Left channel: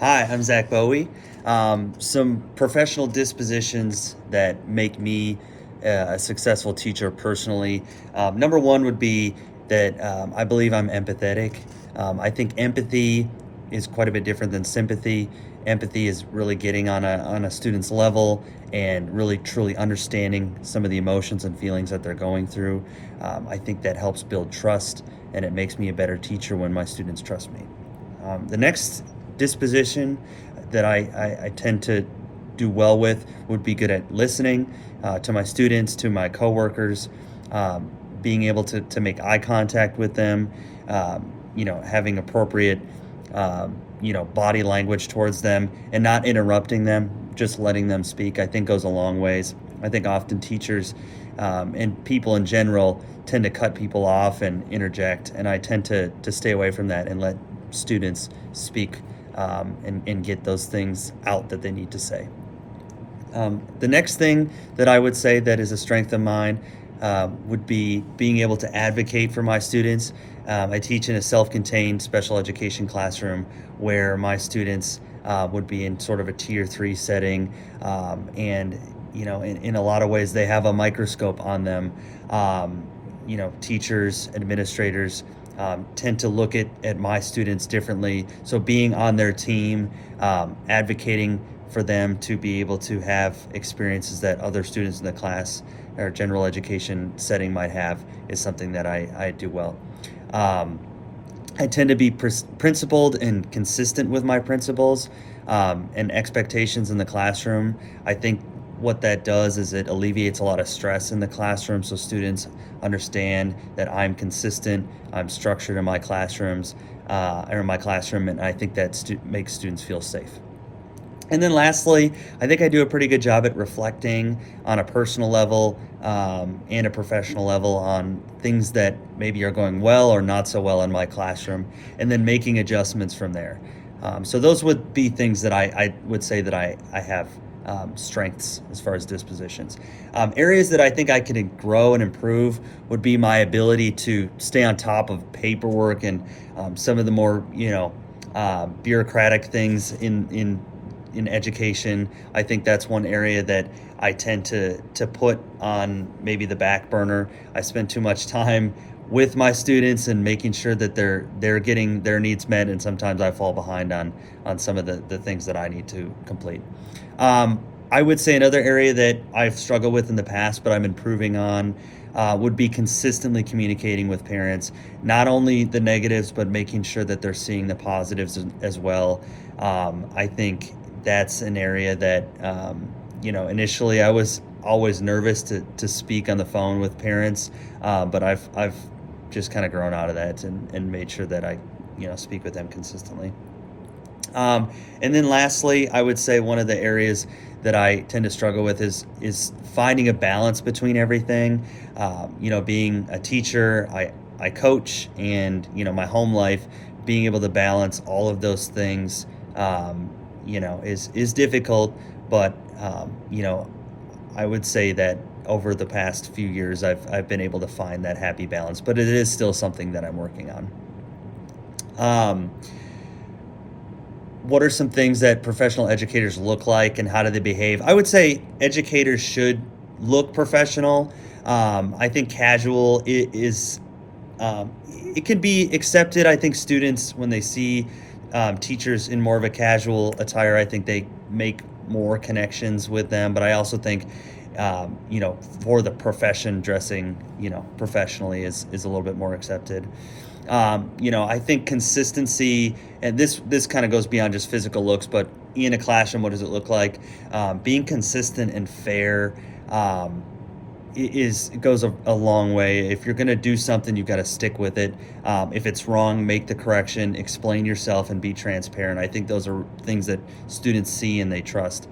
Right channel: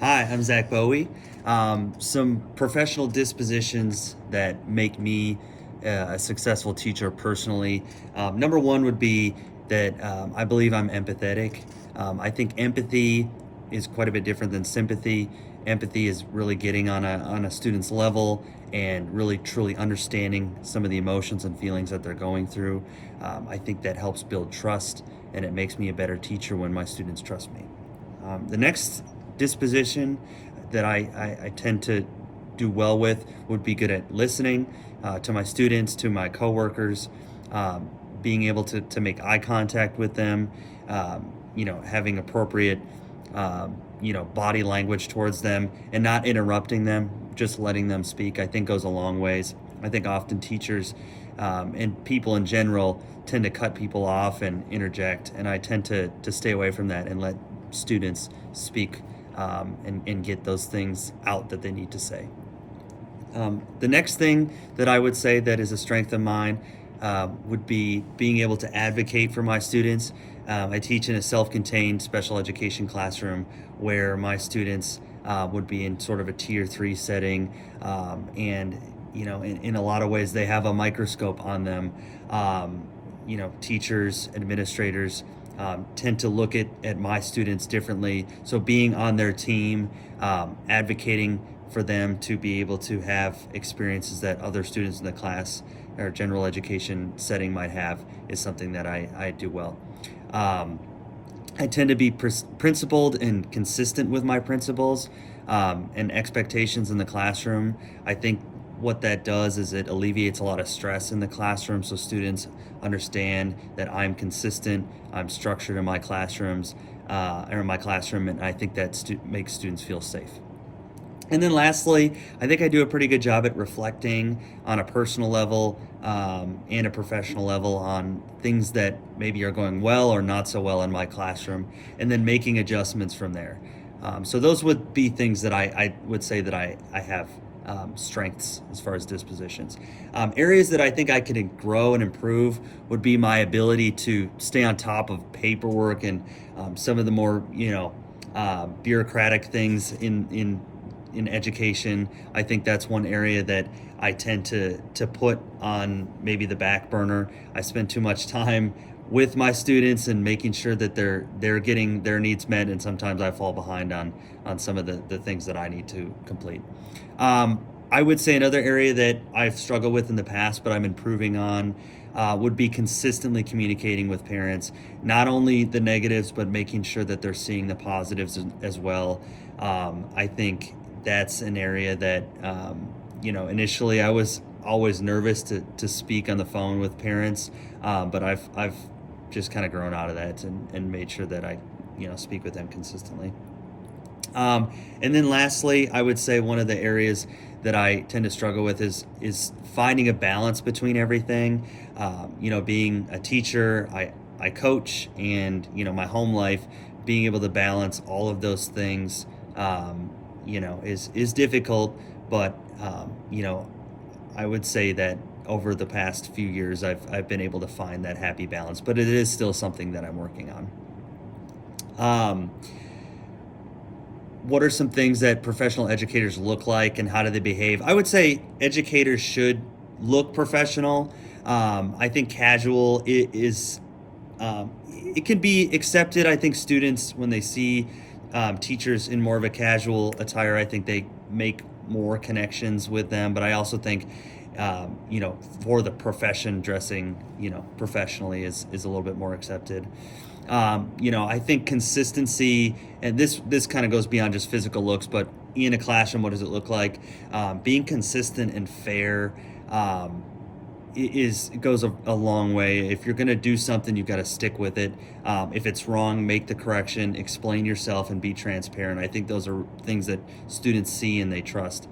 Hi, I'm Zach Bowie. Some professional dispositions that make me a successful teacher personally. Number one would be that I believe I'm empathetic. I think empathy is quite a bit different than sympathy. Empathy is really getting on a student's level and really truly understanding some of the emotions and feelings that they're going through. I think that helps build trust, and it makes me a better teacher when my students trust me. The next disposition that I tend to do well with would be good at listening to my students, to my coworkers, being able to make eye contact with them, having appropriate, body language towards them and not interrupting them, just letting them speak, I think goes a long ways. I think often teachers and people in general tend to cut people off and interject, and I tend to stay away from that and let students speak and get those things out that they need to say. The next thing that I would say that is a strength of mine would be being able to advocate for my students. I teach in a self-contained special education classroom where my students would be in sort of a tier 3 setting, and in a lot of ways they have a microscope on them. Teachers, administrators tend to look at my students differently. So being on their team, advocating for them to be able to have experiences that other students in the class or general education setting might have is something that I do well. I tend to be principled and consistent with my principles and expectations in the classroom. I think what that does is it alleviates a lot of stress in the classroom, so students understand that I'm consistent, I'm structured in my classrooms, or in my classroom, and I think that makes students feel safe. And then lastly, I think I do a pretty good job at reflecting on a personal level and a professional level on things that maybe are going well or not so well in my classroom, and then making adjustments from there. So those would be things that I would say that I have strengths as far as dispositions. Areas that I think I could grow and improve would be my ability to stay on top of paperwork and some of the more bureaucratic things in education. I think that's one area that I tend to put on maybe the back burner. I spend too much time with my students and making sure that they're getting their needs met, and sometimes I fall behind on some of the things that I need to complete. I would say another area that I've struggled with in the past, but I'm improving on, would be consistently communicating with parents, not only the negatives, but making sure that they're seeing the positives as well. I think that's an area that, initially I was always nervous to speak on the phone with parents, but I've just kind of grown out of that and made sure that I, speak with them consistently. And then lastly, I would say one of the areas that I tend to struggle with is finding a balance between everything. Being a teacher, I coach, and my home life, being able to balance all of those things, is difficult. But I would say that over the past few years, I've been able to find that happy balance. But it is still something that I'm working on. What are some things that professional educators look like, and how do they behave? I would say educators should look professional. I think casual is it can be accepted. I think students, when they see teachers in more of a casual attire, I think they make more connections with them. But I also think for the profession, dressing professionally is a little bit more accepted. I think consistency, and this kind of goes beyond just physical looks, but in a classroom, what does it look like? Being consistent and fair it goes a long way. If you're going to do something, you've got to stick with it. If it's wrong, make the correction, explain yourself, and be transparent. I think those are things that students see and they trust.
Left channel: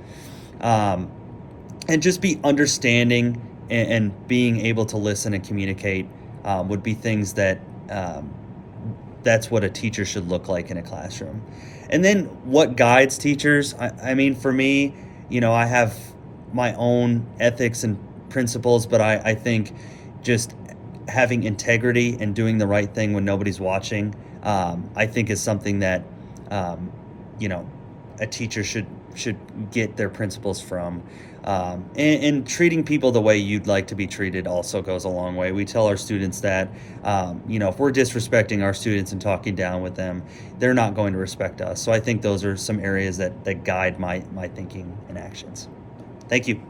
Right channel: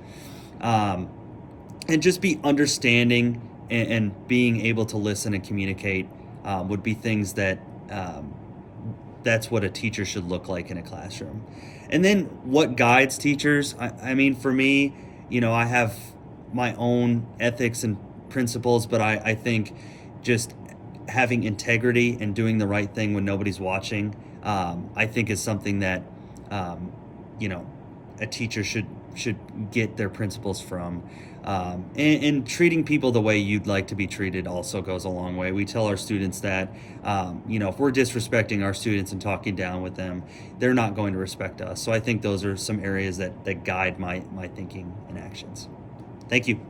And just be understanding and being able to listen and communicate would be things that that's what a teacher should look like in a classroom. And then what guides teachers? I mean, for me, I have my own ethics and principles, but I think just having integrity and doing the right thing when nobody's watching, I think is something that, a teacher should get their principles from. And treating people the way you'd like to be treated also goes a long way. We tell our students that, if we're disrespecting our students and talking down with them, they're not going to respect us. So I think those are some areas that guide my thinking and actions. Thank you.